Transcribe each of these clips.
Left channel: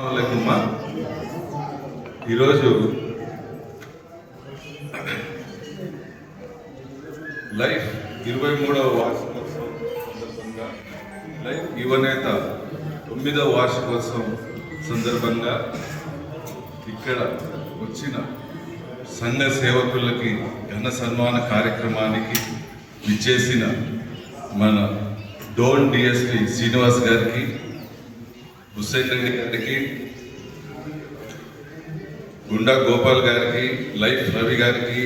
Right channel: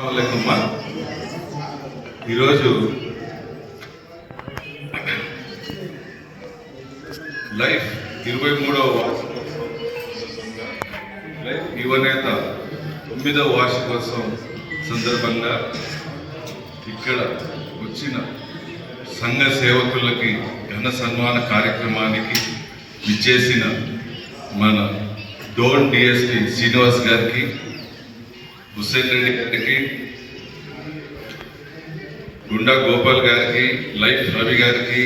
అమ్మా ఈరోజు లైఫ్ 23వ వార్షికోత్సవం సందర్భంగా లైఫ్ యువనేత 9వ వార్షికోత్సవం సందర్భంగా ఇక్కడ వచ్చిన సంఘ సేవకులకి ఘన సన్మాన కార్యక్రమానికి ఇచ్చేసిన మన డోన్ డిఎస్పి శ్రీనివాస్ గారికి, హుస్సేన్ రెడ్డి గారికి, గుండా గోపాల్ గారికి, లైఫ్ రవి గారికి,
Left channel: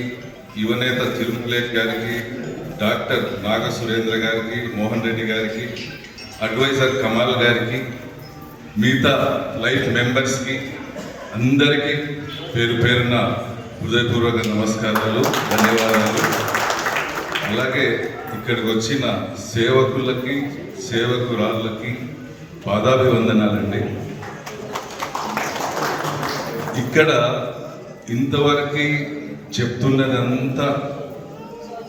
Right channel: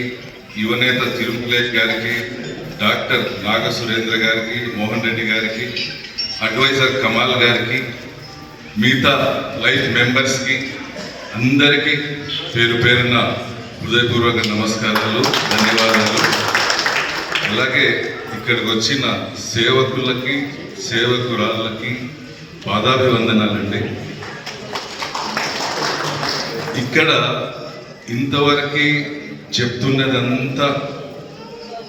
యువనేత తిరుమలేష్ గారికి, డాక్టర్ నాగ సురేంద్ర గారికి, మోహన్ రెడ్డి గారికి, అడ్వైజర్ కమాల్ గారికి, మిగతా లైఫ్ మెంబర్స్కి అందరికీ పేరు పేరున హృదయపూర్వక నమస్కారాలు, ధన్యవాదాలు. అలాగే ఇక్కడికి వచ్చిన సేవకులకి, సేవకురాళ్ళకి పాదాభివందనాలండి. ఇక్కడ ఇంతవరకు చెప్తున్నదంతా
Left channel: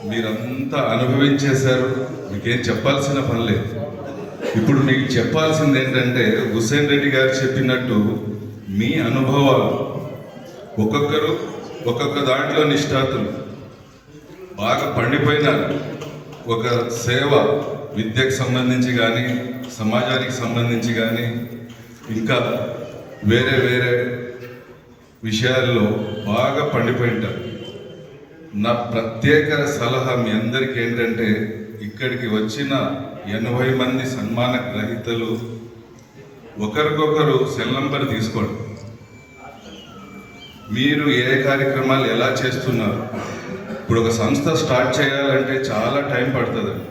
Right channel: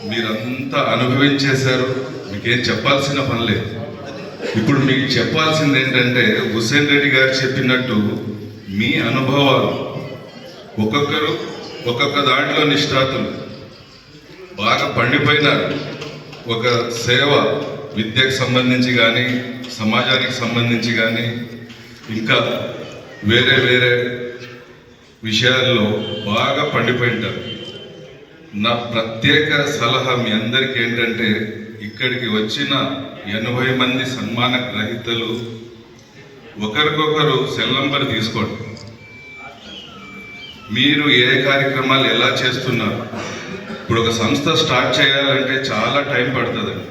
మీరంతా అనుభవించేశారు, మీకేం చెప్పాల్సిన పని లేదు. ఇప్పుడు మీకు చెప్పాల్సింది ఏంటంటే, హుస్సేన్ రెడ్డి గారు చెప్పినట్టు మీ అనుభవాలు ఒక్కొక్కరు ఒక్కొక్క దాంట్లో నిష్ఠాతులు బాగా పండిపోయినారు. ఒక సేవ విద్యకు సంబంధించి కానీ, సమాజానికి సంబంధించి కానీ, ఇంకా వేరే వేరే విషయాల్లో బాగా పండిపోయింటారు. నా ప్రత్యేక సలహా మీ అందరికీ ఏంటంటే, ఇక్కడికి వచ్చిన 80 మంది సన్మాన గ్రహీతలు ఒకరికొకరు సెల్ నంబర్ తీసుకోండి. మీరు ఏ కార్యక్రమాలు ఎలా చేస్తున్నారు. ఇప్పుడు ఒక సంస్థ స్టార్ట్ చేయాలంటే చాలా టైం పడుతుందండి.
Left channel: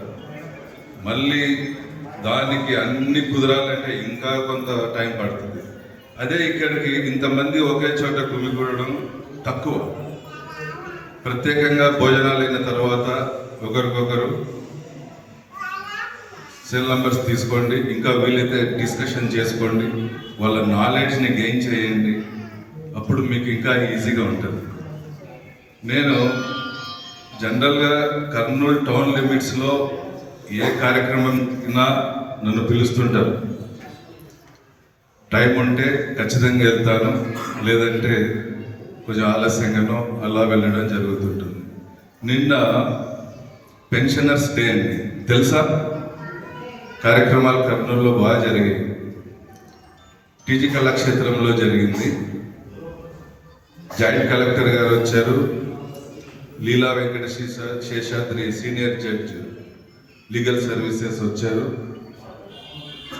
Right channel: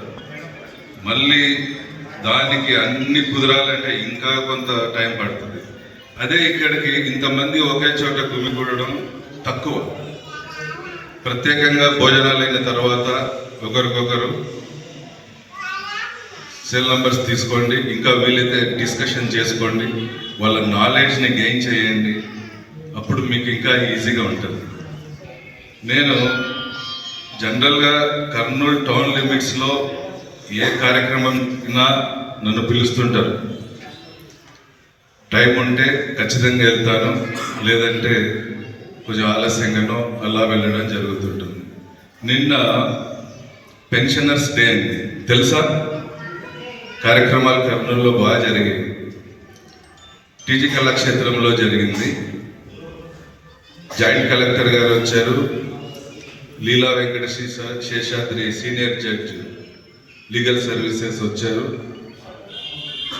మళ్ళీ దానికి అన్ని కుదరాలంటే ఇంకా కొంత టైం పడుతుంది. అదే ఇక్కడికి ఇంతమంది ఒకే చోట గుమిగూడడం తక్కువ. ప్రత్యేకంగా భోజనాలైన తర్వాత ఒకరికొకరు సెల్ నంబర్స్ తీసుకోండి, ఇంకా వీలైతే డిస్కషన్ చేసుకోండి, వాళ్ళ నాలెడ్జ్ని గెయిన్ చేయండి. అప్పుడు మీకు ఇంకా ఈజీగా ఉంటుంది. నేను జనరల్గా కర్నూలు టౌన్ లిమిట్స్లో ఏ కార్యక్రమం నన్ను పిలుస్తుంటారు. టైం ఉంటే ఖచ్చితంగా వెళ్తాను, లేదంటే కొంచెం ఆలస్యంగానో అలా వెళ్ళడం జరుగుతుంటుంది. నిన్న పెన్షనర్స్ డే అండి, తెలుసా? కార్యక్రమాలు కర్నూలులో బాగా జరిగాయి. టీజీ కళాక్షేత్రంలో జరిగింది. జాయింట్ కలెక్టర్ గారు వచ్చారు, Leela Venkata Seshadri senior judge legal services వచ్చారు,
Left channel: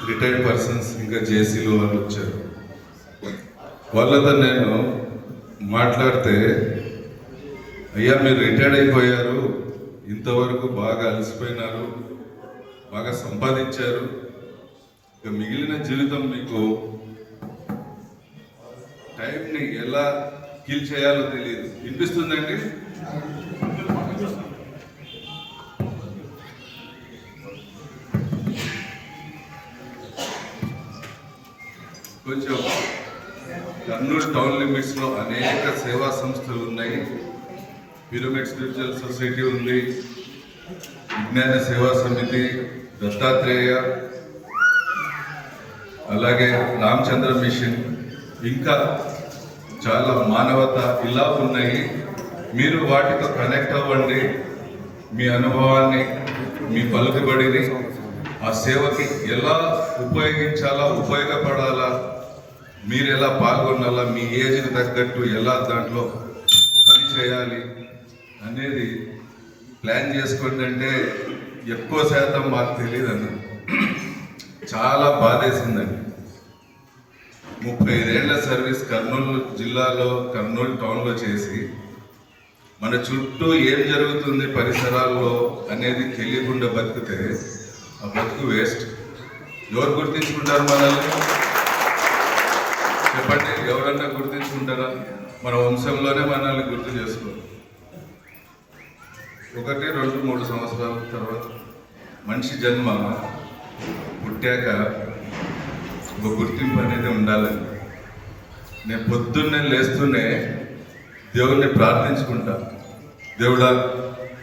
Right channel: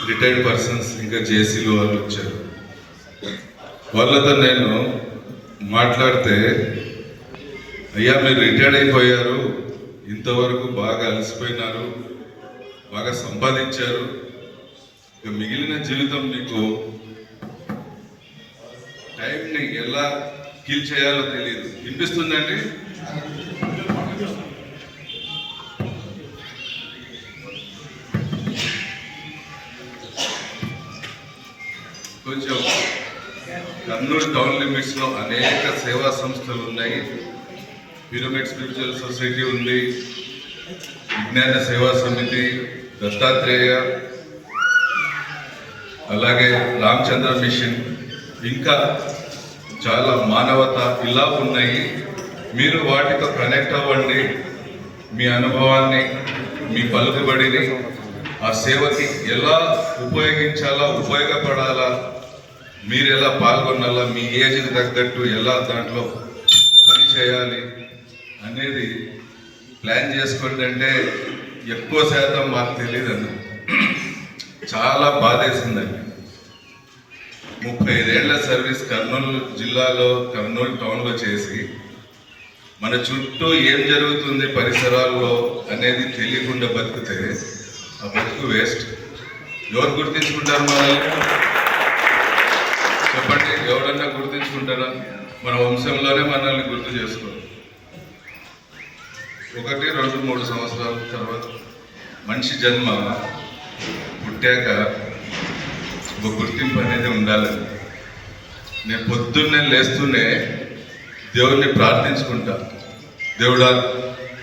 రిటైర్డ్ పర్సన్స్ ఇంకా జేసీలు వాళ్ళు వచ్చారు. వాళ్ళతో నేను మాట్లాడితే, అయ్యా మీరు రిటైర్డ్ అయిపోయారు, ఇంతవరకు బాగా అలసిపోయినారు, బాగా సంపాదించారు, ఇక మిగిలిన జీవితం మీకు టైంని ఎలా కిల్ చేయాలో తెలియదు. వినిపిస్తుందండి? కొంచెం కర్నూలు టౌన్ లిమిట్స్లో అనేక సేవా సంస్థలు ఉన్నాయి. పిరమిడ్ స్పిరిచువల్ సొసైటీ ఉంది, విజ్ఞాన సేవా సమితి, దత్తాత్రేయ, అలాగే రామచంద్ర మిషన్, ఇంకా చాలా మానవత ఇలా ఉన్నాయి. మీరు వాటితో కనెక్ట్ అవ్వండి. మీ అనుభవాన్ని, మీ పలుకుబడిని ఆ సేవకి ఎలా ఉపయోగించాలా, ఉపయోగపడాలా, మీరు ఎలా పాల్గొనాలా, మీ ఏజ్కి తగ్గట్టు ఎలా దాంట్లో పని చేయాలి అనేది ప్లాన్ చేసుకోండి. అంటే ఎక్కువ శాతం మాకు తెలియదండి. చాలా బాధేసిందండి. 35 ఏళ్ల సర్వీస్ కర్నూలు జిల్లాలో, కర్నూలు టౌన్లో చేసి మన చుట్టూ ఏం జరుగుతుంది పరిసరాల్లో అనేది తెలియకుండా బతికితే ఆ బతుకు వేస్ట్. ఎవరు గుర్తించుకుంటారు మనల్ని? చెప్పండి, ఎవరన్నా గుర్తించుకుంటారా? మన వంశంలోనే మనల్ని గుర్తు చేసుకోరు. 1, 2, 3 సంవత్సరాల తర్వాత మనిషి జన్మ పుట్టాక ఒక గుర్తింపు అనేది ఉండాలని నేను పొద్దున్నే లేస్తూనే దేవుణ్ణి ప్రార్థించుకుంటా. దేవుడా,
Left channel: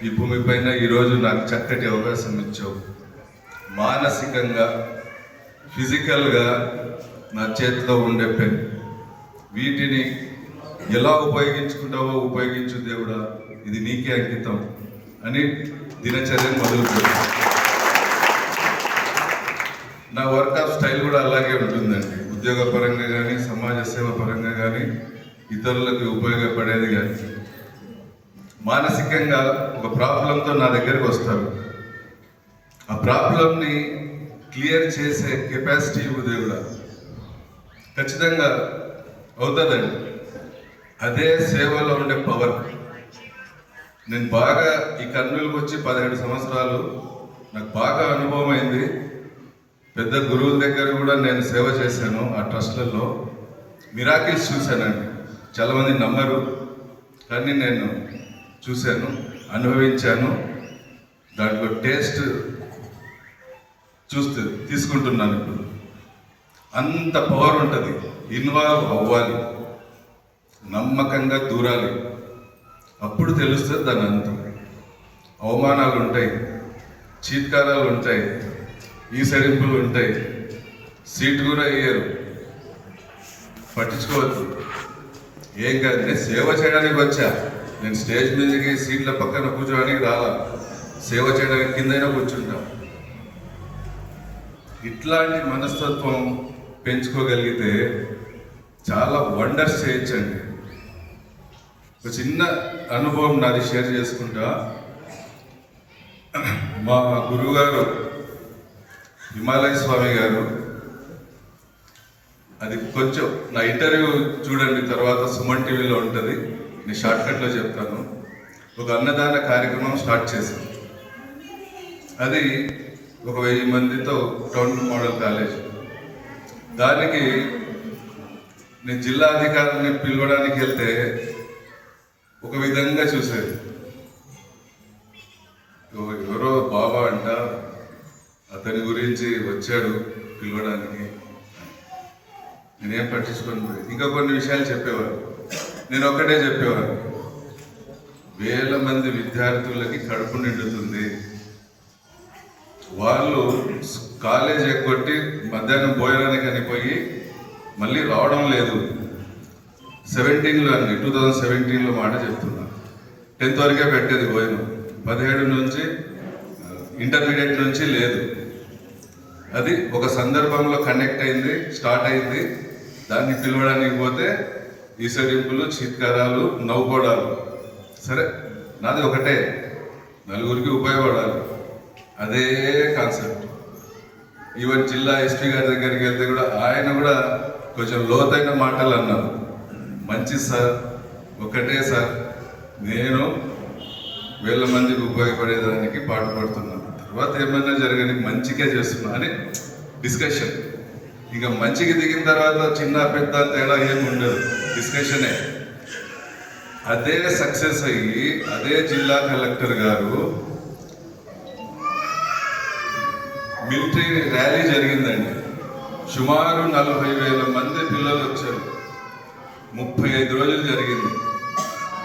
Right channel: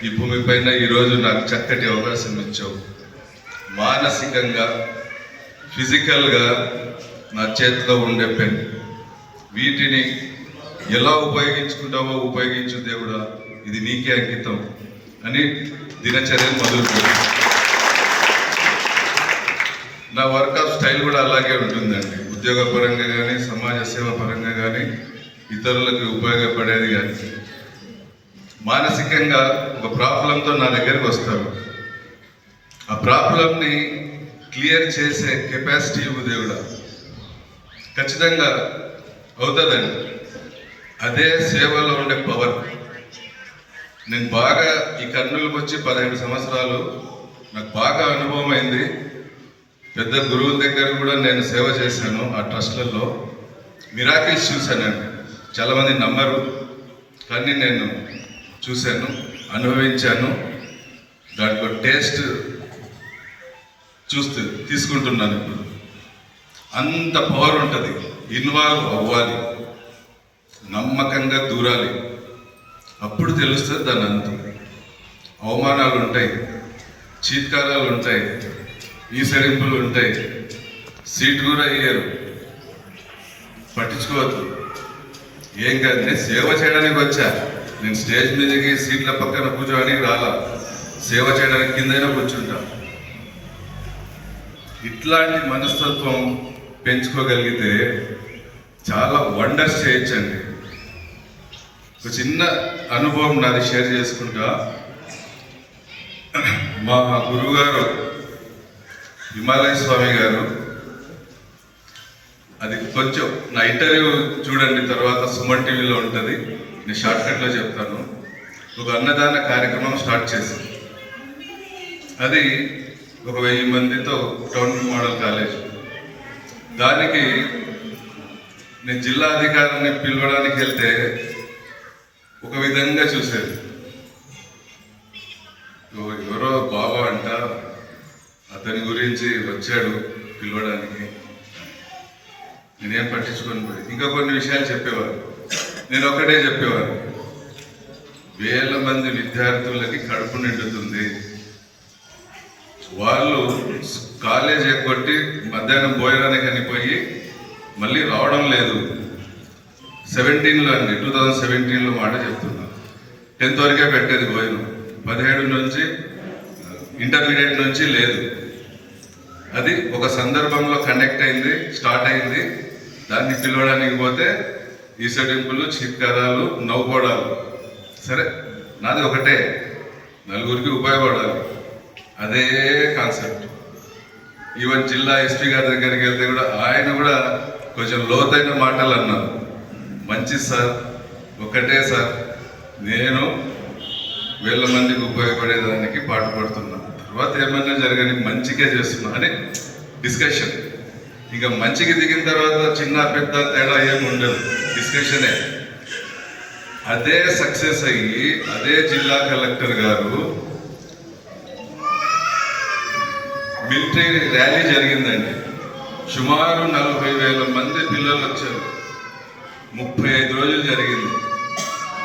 ఈ భూమి పైన ఈరోజు నాకు చక్కటి అవకాశం ఇచ్చావు. మానసికంగా, ఫిజికల్గా నా చేతిలో ఉండే పెన్. వీటిని ఎలా ఉపయోగించుకుంటావో ఉపయోగించు దేవుడా, ఇది నీకే అంకితం అని దినచర్యను మొదలుపెట్టాను. నా వర్క్ ఆఫ్ స్టైల్ కూడా అలాగే ఉంటుందండి. ఉద్యోగ పరంగా కానీ, సమాజ సేవ పరంగా కానీ, ఇతరులకు ఉపయోగపడేది కానీ. మానసికంగా ఒక ప్రాబ్లంతో నా దగ్గరికి వస్తారు. ఆ ప్రాబ్లంని క్లియర్ చేసే కెపాసిటీ ఇవ్వు దేవుడా. ఖచ్చితంగా అవుతుందండి. అదే సేవలో ఉండే పవర్. నేను బాగా ఈ కర్నూలుకి వచ్చి 17 సంవత్సరాలు నాకు బాగా అనుభవం అయింది. పెద్ద గురువుల దగ్గర కూడా నేను సేవ చేశాను. ఆ ట్రస్ట్లలో మిరాకిల్స్ చూశానండి. చాలామంది నమ్మరు, కానీ నేను చూశాను, అనుభవించాను. దాంట్లో టేస్ట్ తీసుకుంటున్నాను. ఇప్పుడు అంత పవర్ ఉంటుంది. ఇన్వాల్వ్ అవ్వాలి, నమ్మకంగా దూరాలి. అప్పుడు తెలుస్తుంది దాని అంత. అవమానాలు ఉంటాయి, చీత్కారాలు ఉంటాయి, ఈసడింపులు ఉంటాయి, సీట్ కూడా అయ్యారు. పట్టించుకోవద్దు, ఏం కాదు. నేను సేవ చేయడానికి వచ్చా. నేను స్టేజ్ మీదకి సీట్ల పక్కన కూర్చోడానికి రాలా. సేవ చేయడానికి కిందైనా కూర్చుంటా. ఇట్లాంటి మనస్తత్వం పెంచుకోగలిగితే చాలా వండర్స్ చేయొచ్చండి. ఒక చిన్న అనుభవం నాది షేర్ చేసుకుంటా. మా గురువుగారు హిమాలయ స్వామి గారు, అది కొంచెం నా ఇంటర్వ్యూ చూడండి, తర్వాత సుమన్ టీవీలో ఉంటుంది. నేను షార్ట్కట్లో చెప్తాను. ఒక అన్నదాన కార్యక్రమం స్టార్ట్ చేశాను. అది ఒక 1000 మందితో టౌన్ మోడల్ కాలేజ్. దానికి నేను జిల్లా అధికారిని పిలవడానికి వెళ్తే ఒక విధంగా చూసేది. ఎవరో బాబా అంట, అతని గురించి వచ్చాడు పిలవడానికి. నేనేం పట్టించుకొని పోయి ఇంకా కొన్ని విషయాలు చెప్పేవారు. నేను ఒక్కటే చెప్పేవారు, 1000 మంది విద్యార్థులకి కడుపు నిండుతుంది. వాళ్ళు కాలేజ్ ఎక్కొట్టి మధ్యాహ్నం భోజనానికి అనిపోయి మళ్ళీ రావడం లేదు. 17లో అండి, 2017లో మాట చెప్తున్నా. 10th వరకే పెట్టేది భోజనం. 17 నుంచి ఇంటర్మీడియట్ నుంచి లేదు. అది ఒక సందర్భంలో కనెక్ట్ అయింది, స్టార్ట్ అయింది. దాన్ని పిలవడానికి పోతే ఈసడింపులు, చీత్కారాలు, నవ్వుకోవడాలు. సరే, నాది ఒకటే, నలుగురికి ఉపయోగపడాలి. అదే కాన్సెప్ట్. ఈవెన్ జిల్లా ఎస్పీ గారి దగ్గరికి వెళ్తే కూడా ఆయన కూడా కొంచెం లోతైన మాటలు అన్నారు. మంచి సార్, ఒకటే సార్, నేను 1000 మందికి ఉపయోగపడేదానికి పాటుపడుతున్నాను. తర్వాత ఏమైనా జరగని మంచిగా చేస్తున్నా అని డిస్కషన్. ఇంకా మంచికి దిగిన తర్వాత చిన్న పెద్ద తేడా ఏమి ఉండదు, డిస్కషనే. అదే సక్సెస్ అయ్యి అదే జిల్లా కలెక్టర్ గారు మిలిటరీ ర్యాలీ జరిగిందండి. సుమారు 40,000 మంది పిల్లలు వచ్చారు. 35 రోజులు జరిగింది.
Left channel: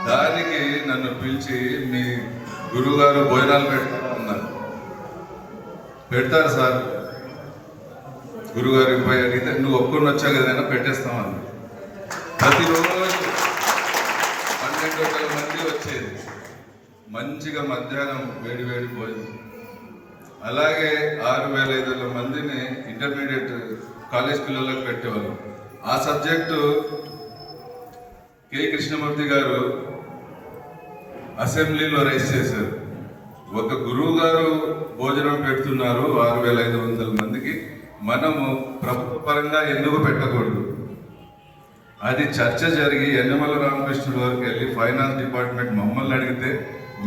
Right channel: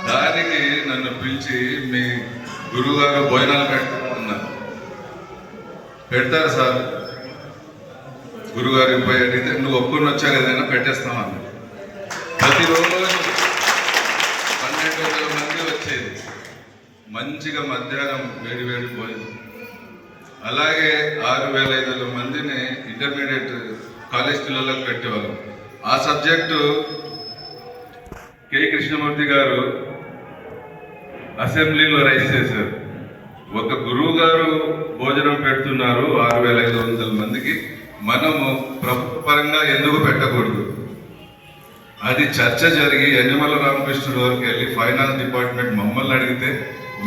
దానికి నన్ను పిలిచి, మీ గురువుగారు భోజనాలు పెడతారా అన్నారు. పెడతారు సార్. గురుగారికి పోయి అడిగితే, నువ్వు ఒప్పుకొని వచ్చా కదైనా పెట్టేస్తామన్నా. ప్రతిరోజు 12,000 మంది వచ్చేది. మంచిగా మధ్యాహ్నం వేడి వేడి భోజనం. అలాగే 6,500 మందిని ఇంటర్మీడియట్ కాలేజ్ పిల్లలకు పెట్టేవాళ్ళం. ఆ సబ్జెక్టు కె కృష్ణమూర్తి గారు అసెంబ్లీలో రైజ్ చేశారు. ఒక గురువు గారు భోజనం పెడుతున్నారు 6,500 మందికి, మనము ప్రభుత్వ పరంగా ఎందుకు పెట్టకూడదు? అది చర్చ జరిగి యనమల రామకృష్ణుడు వరకు వెళ్ళి ఫైనాన్స్ డిపార్ట్మెంట్ మమ్మల్ని అడిగితే,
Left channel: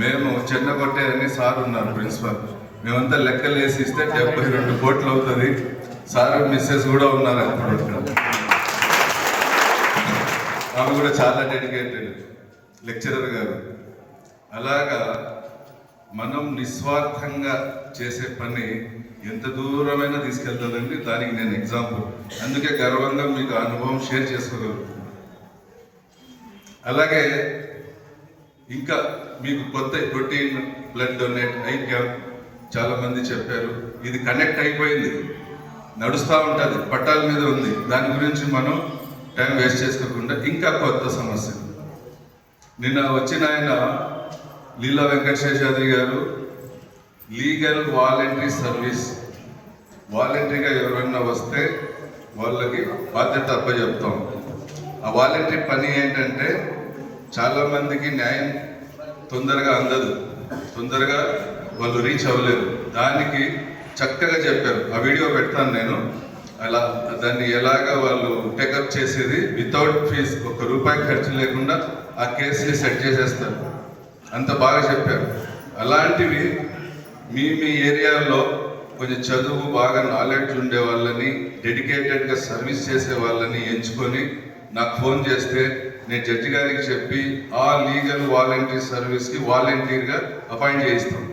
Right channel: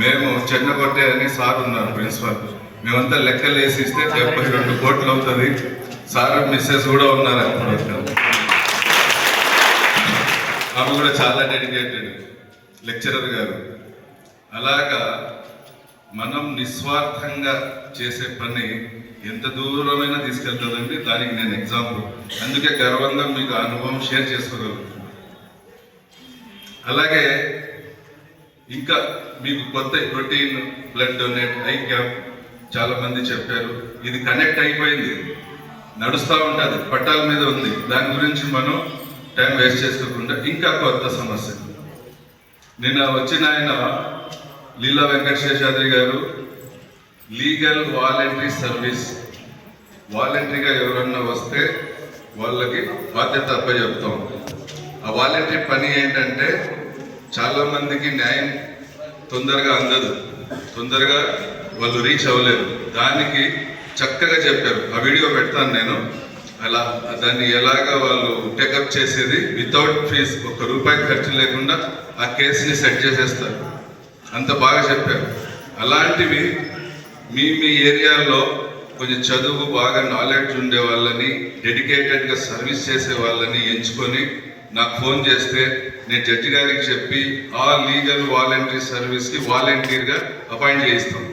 మేము చెన్నకొట్టే అని సార్ ఉన్నారు ప్రిన్సిపల్, మేమంతా లెక్కలు వేసి ఇస్తే 72 కోట్లు అవుతుంది. సార్ మిస్సెస్ కూడా ఉన్నారు అప్పుడు. ఆమె కూడా చాలా డెడికేటెడ్ లెక్చరర్ గారు. అలాగా మనం నిస్వార్థంగా చేసే పని ఎంత దూరమైనా తీసుకెళ్తుందండి. దానికి నేను ఎగ్జాంపుల్. అందుకే గర్వంగా మీకు అనుభవం షేర్ చేసుకోగలుగుతున్నాను. అలాగే ఇంకా మీకు కొత్త protein blood donate I camp చాలా మంది చెప్పారు. ఇది కనెక్ట్ అయిపోయింది. నడుస్తూ ఉంటుంది, పట్టాల మీద ఉంది. దాని గురించి మనం టైం వేస్ట్ చేసుకోకుండా ఇంకా కొత్త సమస్య. నిన్న వచ్చిన ఆయన లీలా వెంకటశేషాద్రి గారు లీగల్ వాలంటరీ సర్వీస్, వాలంటరీగా ఎవరన్నా వస్తే వాళ్ళకి బాధ్యత అప్పచెప్తాం. ఆ వాలంటరీ పని ఏంటంటే చాలామందికి న్యాయం తొందరగా అందదు, తొందరగా వాళ్ళు రీచ్ అవ్వలేరు. దానికి చక్కగా చెప్పారు. ఆ వీడియో పెడతాను నేను. అలా దాన్ని ఎలాగా వాళ్ళు టేకప్ చేసేది వితౌట్ ఫీజ్, ₹1 ఖర్చు లేకుండా ఆ కేసుని సెట్ చేసేస్తారు. అంత బాగా చెప్పారు. అలాంటివి మీ ఏరియాలో కొంచెం చదువు బాగా నాలెడ్జ్ ఉండే వాళ్ళని, డెడికేటెడ్గా సర్వీస్ చేసే వాళ్ళని ఎంచుకొని నాకు ఫోన్ చేస్తే నేను జడ్జి గారికి చెప్పి ఆ లీగల్ వాలంటరీ సర్వీస్కి వాలంటీర్గా అపాయింట్ చేయిస్తాం.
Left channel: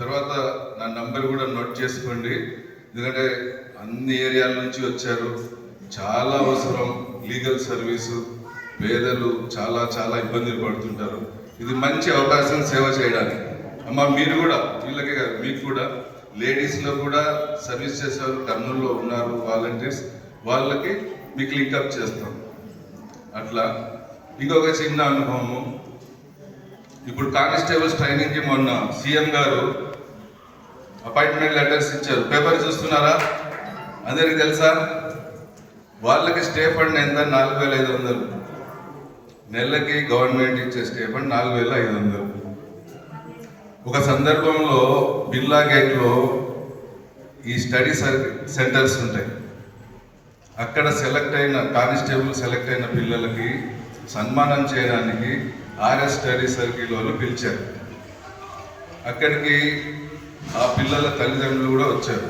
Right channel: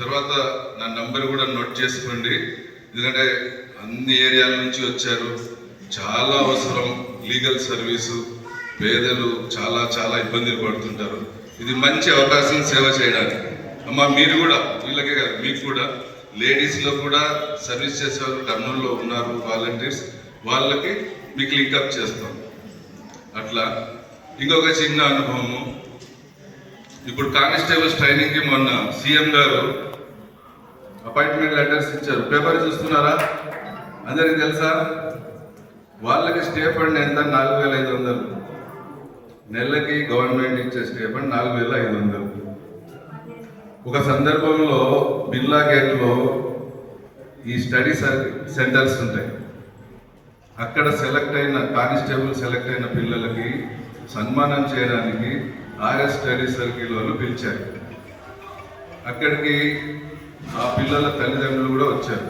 తర్వాత నా నంబర్ కూడా నోట్ చేసుకోండి, ఎందుకంటే అన్ని ఏరియాల నుంచి వచ్చారు. చాలా అవసరం లీగల్ సర్వీసు. పేదలు చాలా చాలా ఇబ్బందులు పడుతుంటారు. ఇది మంచి అవకాశం సేవ చేయడానికి. అమ్మ మీరు కూడా, వీళ్ళకే కాదు మీకు కూడా, లేడీస్లో కూడా సర్వీస్ చేసేవాళ్ళు కర్నూలులో ఉన్నారు వాలంటీర్స్, వాళ్ళకి మీకు లింకప్ చేస్తాం. అట్లా ఇంకొక చిన్న అనుభవము, ఇప్పుడు కానిస్టేబుల్స్ ట్రైనింగ్కి మొన్న సీఎం గారు అపాయింట్మెంట్ లెటర్స్ ఇచ్చారు. పేపర్ చూస్తున్నారా? అందరికి తెలుసా? వాళ్ళకి స్టే ఫండ్ ఎంత? 4,500. నెలకి గవర్నమెంట్ ఇచ్చే స్టే ఫండ్ 4,500. ఒక సందర్భంలో బిర్లా గేట్లో ఈ స్టడీ సెంటర్స్ ఉంటాయి. అక్కడ సెలెక్ట్ అయిన కానిస్టేబుల్ సెలెక్ట్ అయిన పిల్లలకి సన్మానం చేయడానికి ఆర్ఎస్ స్టడీ సర్కిల్ వాళ్ళు పిలిచారు. అక్కడికి ఆ పిల్లల తల్లిదండ్రులు కూడా వచ్చారు.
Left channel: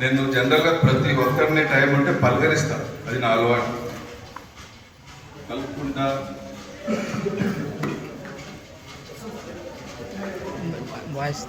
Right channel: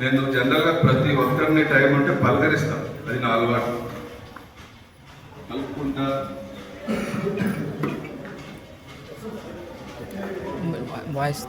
నేను జనరల్గా ప్రతి ఒక్కరిని టైం ఉంటే పలకరిస్తాను, అది నా అలవాటు. కలుపుకుంటా వాయిస్